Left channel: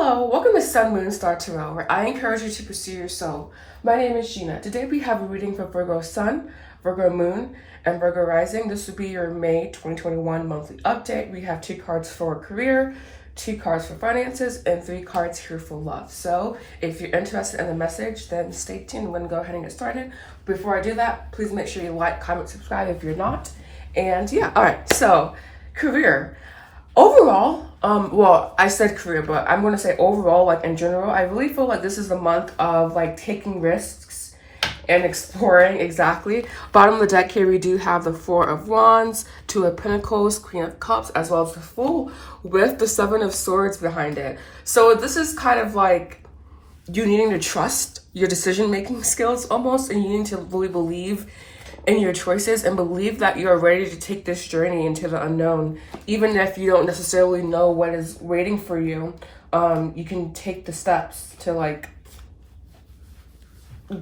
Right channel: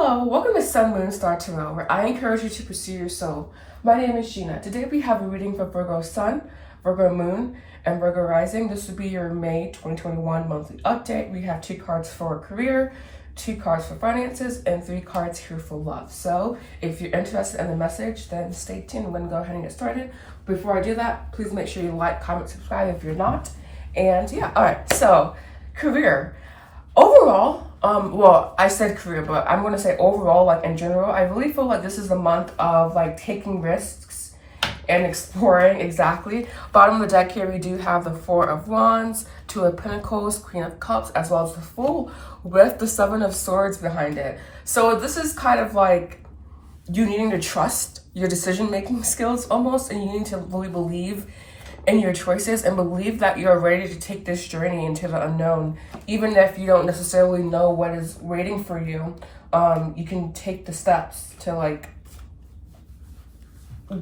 Hello, welcome to Sun, Moon, Star Tarot, where I encourage you to pursue your soul. My name is Gina. Today we have a reading for Virgo Sun, Virgo Moon, and Virgo Rising. This will be your May 2021 monthly update. We have 2 cards for career, 2 cards for finances, and 3 cards here for love. So if you're interested in the message, then stay tuned. We're going to go ahead and get started. Before I do that, please make sure you like, comment, subscribe if you're not. And yeah, all right, so career. Overall, well, I said career, but I'm going to say overall, like in general, I really feel like this is the month of like taking risks and exploring. Exactly. Bottom of the deck here, we do have the 4 of Wands, 2 of Pentacles, Queen of Cups, as well as the Fool with the 7 of Swords behind it. So this is kind of like you needing to trust your decision-making skills almost, and you need to really believe in your choices and believe that you're ready to take this journey into the unknown. Even if you don't necessarily know what is waiting for you, you can take the steps to like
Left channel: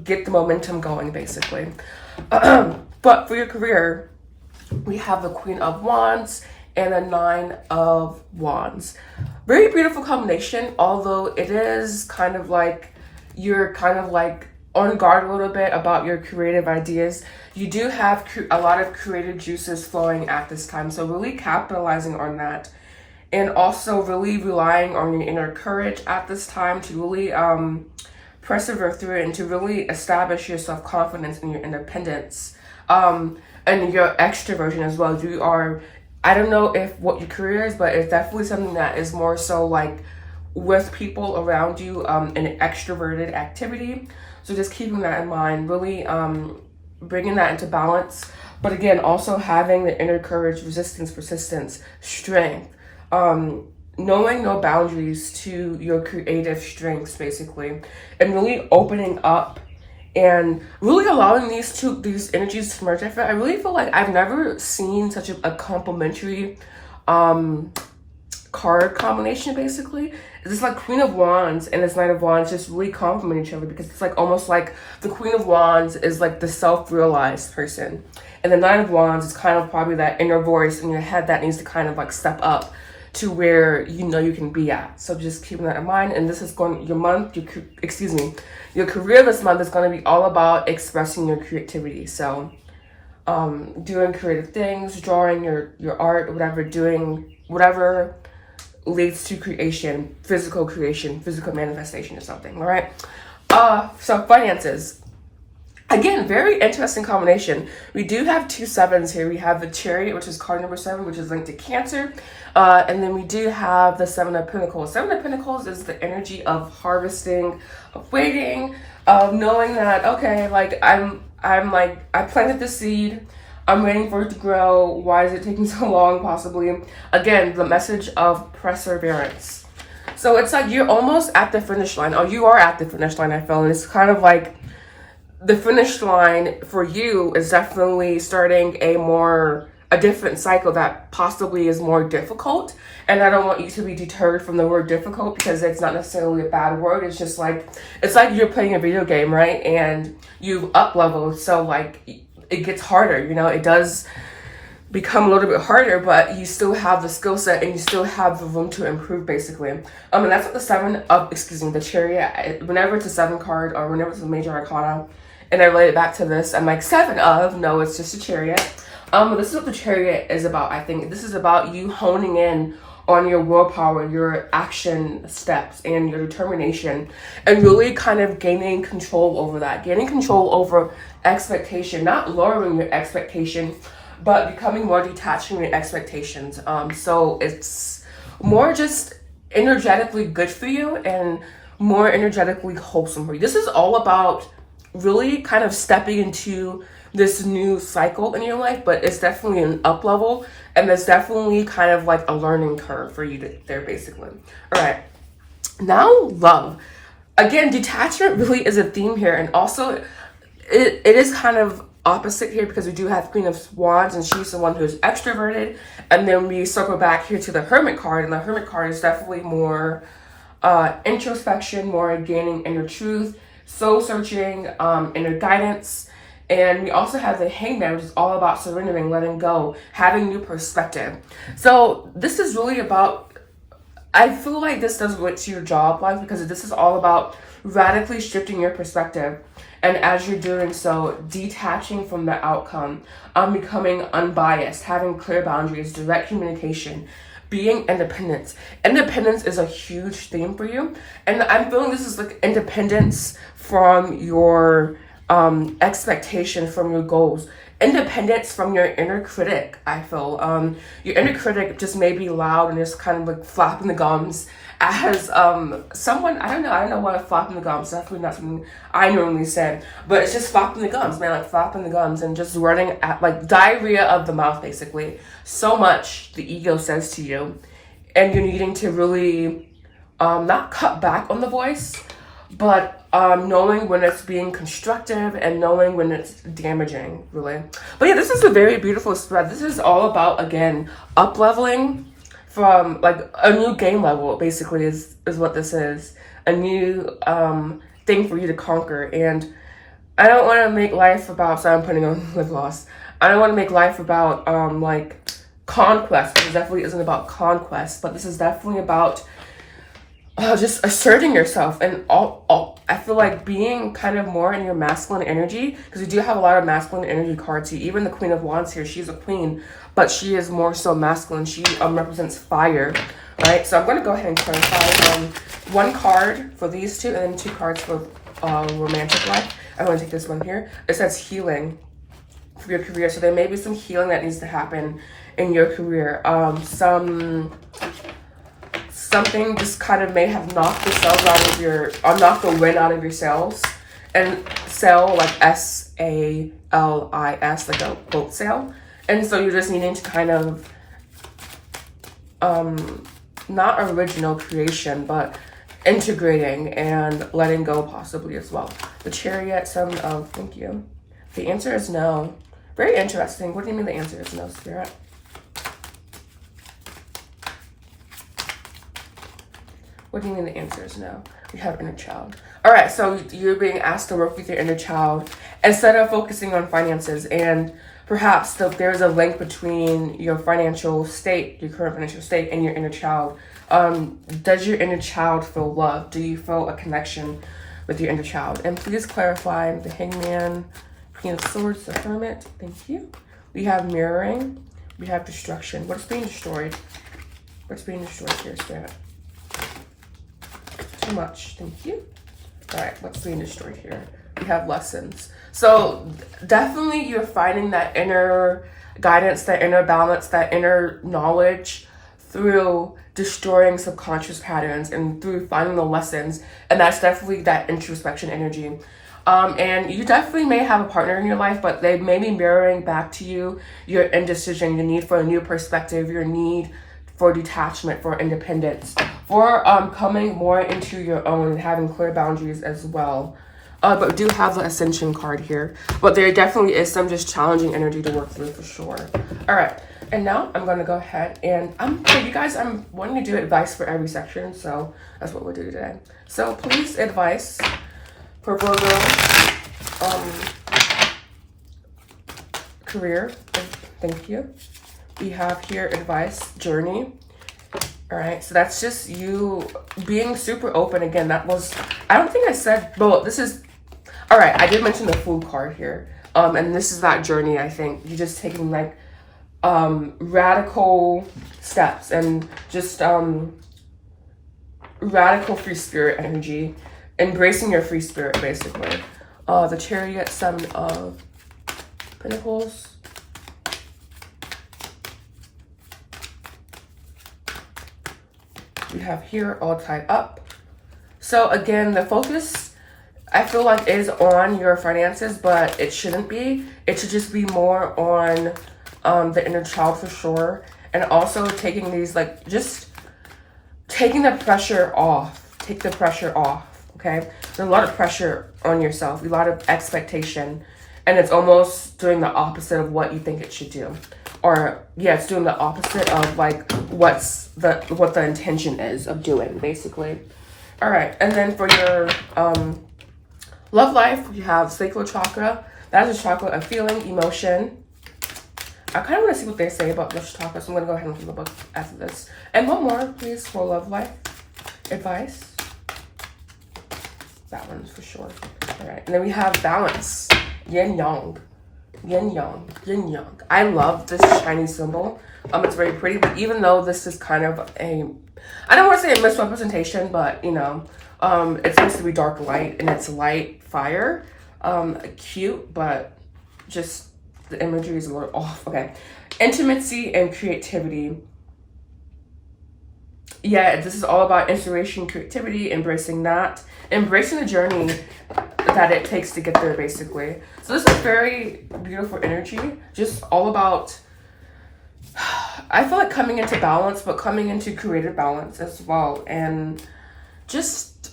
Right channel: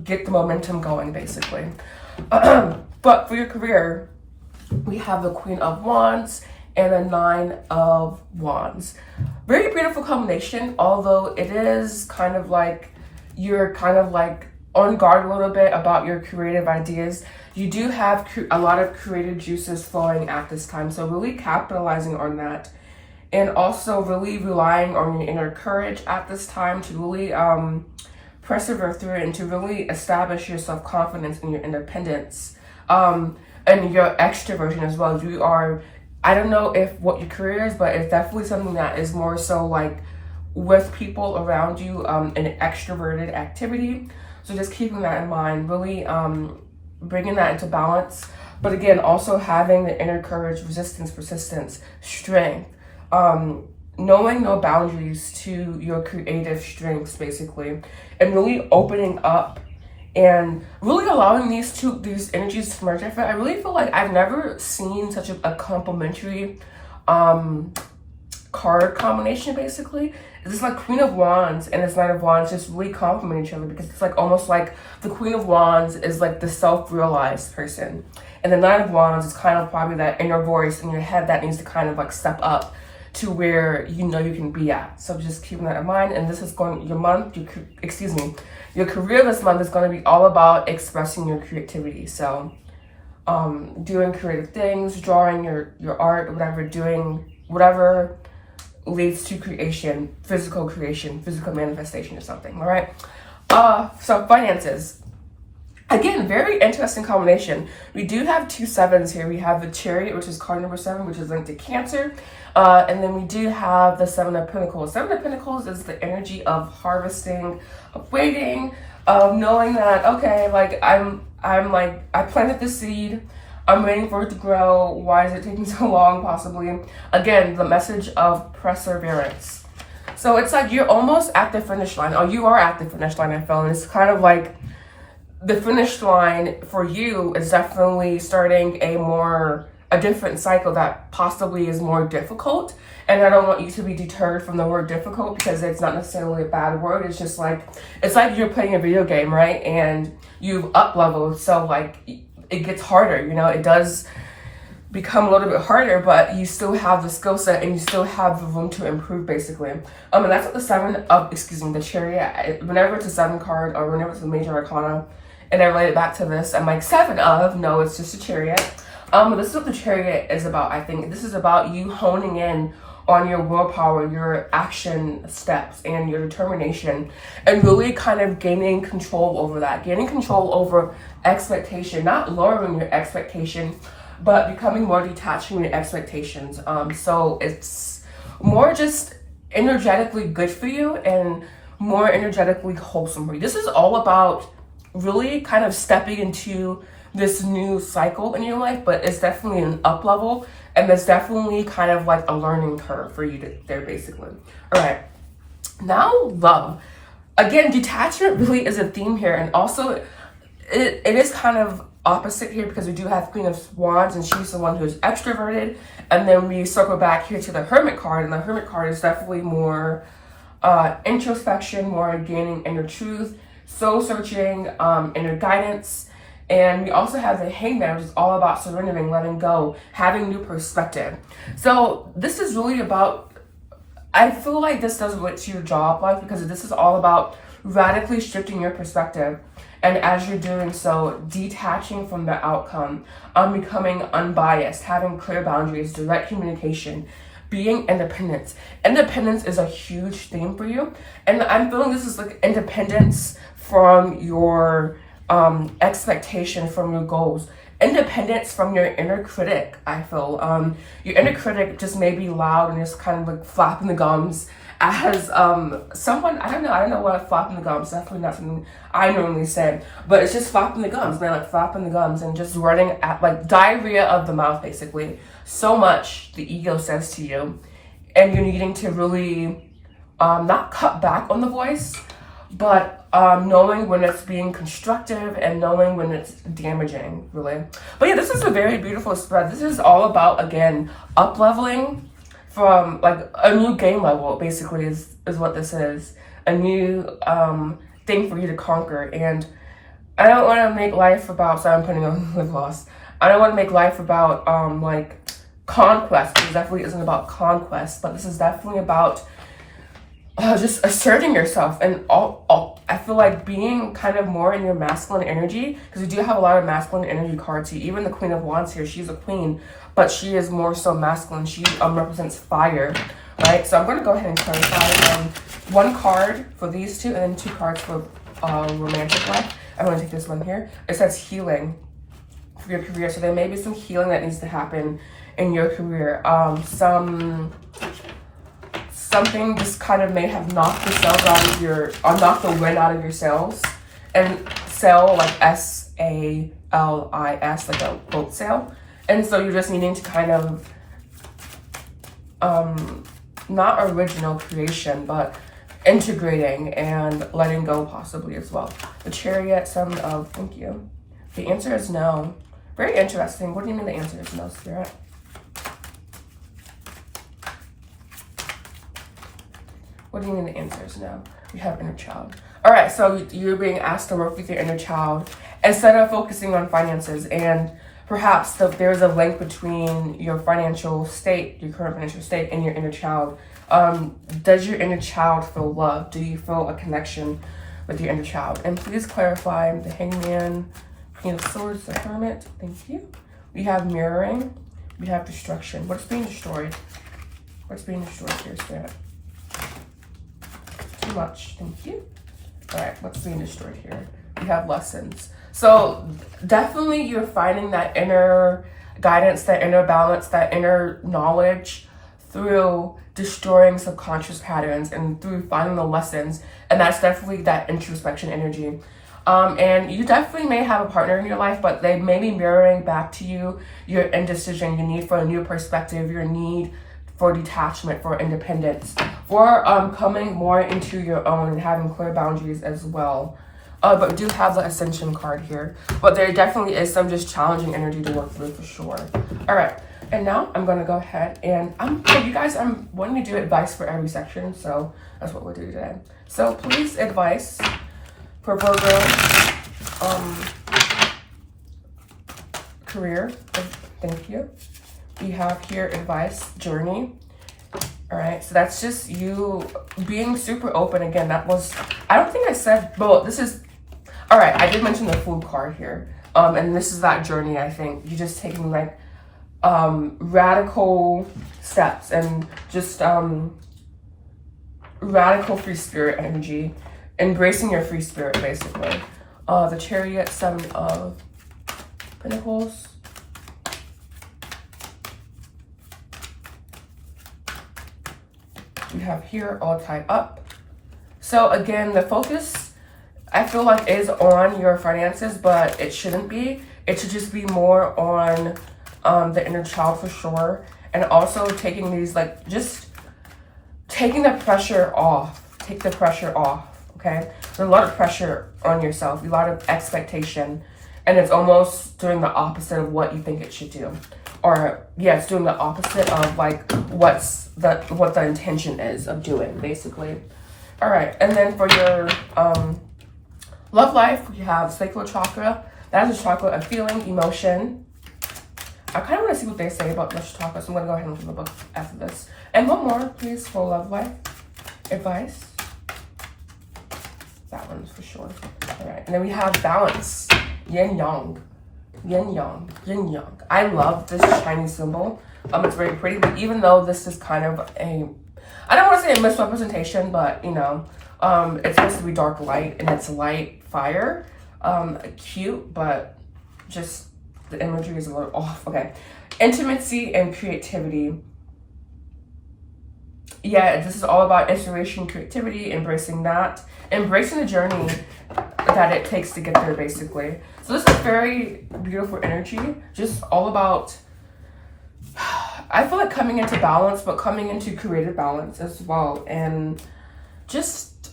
get the momentum going, basically. But for your career, we have the Queen of Wands and a 9 of Wands. Very beautiful combination, although it is kind of like you're kind of like on guard a little bit about your creative ideas. You do have a lot of creative juices flowing at this time, so really capitalizing on that, and also really relying on your inner courage at this time to really persevere through it and to really establish your self-confidence and your independence, and your extroversion as well. You are, I don't know if what your career is, but it's definitely something that is more so like with people around you, an extroverted activity. So just keeping that in mind, really bringing that into balance. But again, also having the inner courage, resistance, persistence, strength, knowing no boundaries to your creative strengths, basically, and really opening up and really allowing these energies to merge. I really feel like I've never seen such a complementary card combination. Basically, it's like Queen of Wands and this Knight of Wands just really complement each other, because it's like almost like the Queen of Wands is like the self-realized person, and the Knight of Wands is kind of probably that inner voice in your head that needs to kind of like step up to where you know you can be at. So just keeping that in mind. And this is going, your career this month is going to be all about expressing your creativity. So doing creative things, drawing your art, whatever leads to creation, physical manifestation or something. All right. So finances. Again, very interesting combination. We do have 2 sevens here. We have the Chariot, which is card number 7, which is linked to Cancer. And then we do have the 7 of Pentacles. 7 of Pentacles is the energy of harvesting, of waiting, of knowing that, okay, like I planted the seed. I'm waiting for it to grow. Why is it taking so long, possibly? Again, the message of perseverance. So it's like you're almost at the finish line. Oh, you are at the finish line, I feel. And it's kind of like the finish line for you is definitely starting a different cycle that possibly is more difficult. And I don't want you to be deterred from the word difficult, because it's not necessarily a bad word. It's just like, it's like you're playing a video game, right? And you've up-leveled, so like it gets harder, you know, it does become a little bit harder, but you still have the skill set and you still have the room to improve, basically. And that's what the Chariot, whenever it's a 7 card or whenever it's a major arcana, and I relate it back to this, I'm like, 7 of, no, it's just a Chariot. But this is what the Chariot is about. I think this is about you honing in on your willpower, your action steps, and your determination, and really kind of gaining control over that, gaining control over expectation, not lowering your expectation, but becoming more detached from your expectations. So it's more just energetically good for you and more energetically wholesome for you. This is all about really kind of stepping into this new cycle in your life, but it's definitely an up level, and there's definitely kind of like a learning curve for you there, basically. All right, now love. Again, detachment really is a theme here, and also it is kind of opposite here, because we do have Queen of Wands, and she's the one who's extroverted, and then we circle back here to the Hermit card, and the Hermit card is definitely more introspection, more gaining inner truth, soul searching, inner guidance. And we also have the Hangman, which is all about surrendering, letting go, having new perspective. So this is really about I feel like this does relate to your job life, because this is all about radically shifting your perspective. And as you're doing so, detaching from the outcome, becoming unbiased, having clear boundaries, direct communication, being independent. Independence is a huge theme for you. And I'm feeling this is like independence from your expectation, from your goals. Independence from your inner critic, I feel. Your inner critic just may be loud and just kind of like flapping the gums as someone, I don't know why flapping the gums, definitely not something I normally said, but it's just flapping the gums, man, like flapping the gums and just running at like diarrhea of the mouth, basically. So much the ego says to you, and you're needing to really not cut back on the voice, but knowing when it's being constructive and knowing when it's damaging, really. But yeah, this is a very beautiful spread. This is all about, again, up-leveling from like a new game level, basically, is what this is. A new thing for you to conquer. And I don't want to make life about, so I'm putting on lip gloss. I don't want to make life about like conquest, because it definitely isn't about conquest, but this is definitely about just asserting yourself. And I feel like being kind of more in your masculine energy, because we do have a lot of masculine energy cards here. Even the Queen of Wands here, she's a queen, but she is more so masculine. She represents fire, right? So I'm going to go ahead and clarify one card for these two, and then 2 cards for romantic life. I'm going to take this one here. It says healing for your career. So there may be some healing that needs to happen in your career. Something just kind of may have knocked the cells out of your, or knocked the wind out of your sails. And sail, like SALIS, like a boat sail. And so you're just needing to kind of, not original creation, but integrating and letting go possibly as well. The Chariot, thank you. The answer is no. Very interesting. What do you mean the answer is no, Spirit? What do you mean the answer is no? We have inner child. All right, so you're being asked to work with your inner child instead of focusing on finances. And perhaps there's a link between your financial state, your current financial state, and your inner child. Does your inner child feel loved? Do you feel a connection with your inner child? And please clarify the Hangman, Queen of Swords, the Hermit. Thank you. We have mirroring. We have destruction. What's being destroyed? What's being destroyed here, Spirit? Too much. Thank you. All right, what's being destroyed here? We have lessons. So definitely you're finding that inner guidance, that inner balance, that inner knowledge through destroying subconscious patterns and through finding the lessons. And that's definitely that introspection energy. And you definitely may have a partner in your life, but they may be mirroring back to you your indecision, your need for a new perspective, your need for detachment, for independence, for coming more into your own and having clear boundaries as well. But we do have the Ascension card here. But there definitely is some just challenging energy to work through for sure. All right, and now I'm gonna go ahead and I'm wanting to do advice for every section, so that's what we'll do today. So please, advice for Virgo career. Thank you. We have here advice, journey. All right, so that's just you being super open. Again, I don't think I said, well, this is, all right, I did mention the Fool card here. And this is that journey, I think. You're just taking like radical steps and just radical free spirit energy, embracing your free spirit, basically. The Chariot, 7 of Pentacles. We have here all tied up. So again, the focus, I feel like, is on your finances, but it shouldn't be. It should just be more on the inner child for sure. And also taking these, like, just taking the pressure off. Take the pressure off, okay? There's a lot of pressure on yourself, a lot of expectation. And it's almost doing the opposite of what you think it should do. Or, yeah, it's doing the opposite of, like, what the intention is of doing, basically. All right, and then for your love life, you have sacral chakra. That is a chakra of feeling, emotion. I kind of want to see what they say about this topic, so I'm going to go ahead and read the book after this. And one more, please, for love life advice. That one's for sure. All right, and then we have balance, yin yang, yin yang, yin yang. I love this Chinese symbol. It's very pretty, but even though this is kind of a, I don't want to say a misrepresentation, but you know, it's supposed to be dark light and it's light fire. Cute, but just the imagery is a little off. Okay, intimacy and creativity. Yeah, this is all about inspiration, creativity, embracing that, embracing the journey that it takes to get there, basically. So this is very beautiful energy, just all about, I feel like coming into balance, but coming into creative balance as well, and just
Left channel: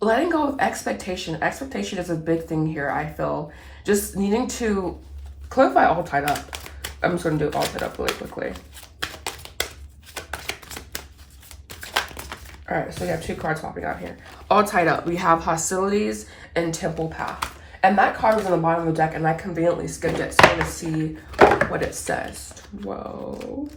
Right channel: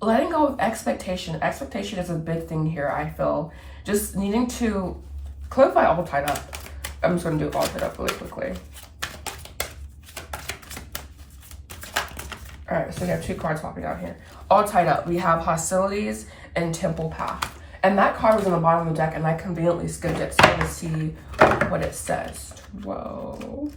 letting go of expectation. Expectation is a big thing here, I feel. Just needing to clarify all tied up. I'm just going to do all tied up really quickly. All right, so we have two cards popping out here. All tied up. We have hostilities and temple path. And that card was on the bottom of the deck, and I conveniently skipped it, so I'm gonna see what it says. Whoa.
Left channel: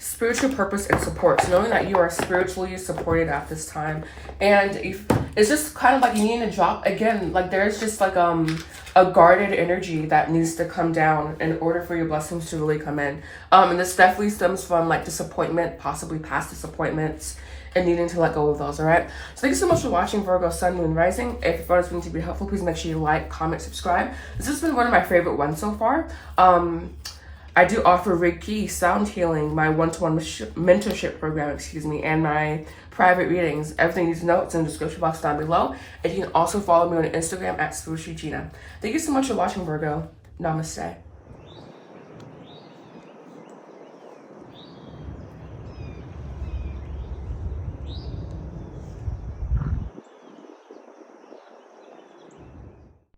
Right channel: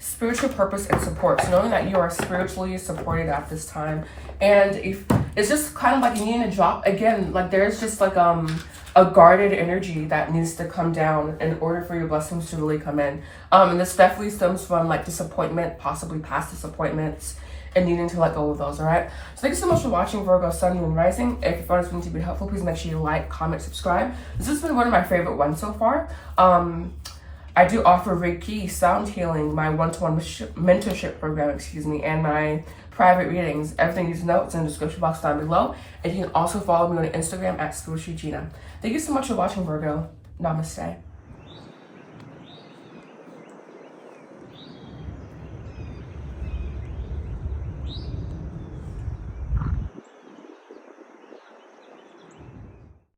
Spiritual purpose and support. So knowing that you are spiritually supported at this time. And if it's just kind of like you need to drop, again, like there's just like a guarded energy that needs to come down in order for your blessings to really come in. And this definitely stems from like disappointment, possibly past disappointments, and needing to let go of those, all right? So thank you so much for watching Virgo Sun, Moon, Rising. If you found this video to be helpful, please make sure you like, comment, subscribe. This has been one of my favorite ones so far. I do offer Reiki, sound healing, my one-to-one mentorship program, and my private readings. Everything you need to know is in the description box down below. And you can also follow me on Instagram at Gina. Thank you so much for watching, Virgo. Namaste.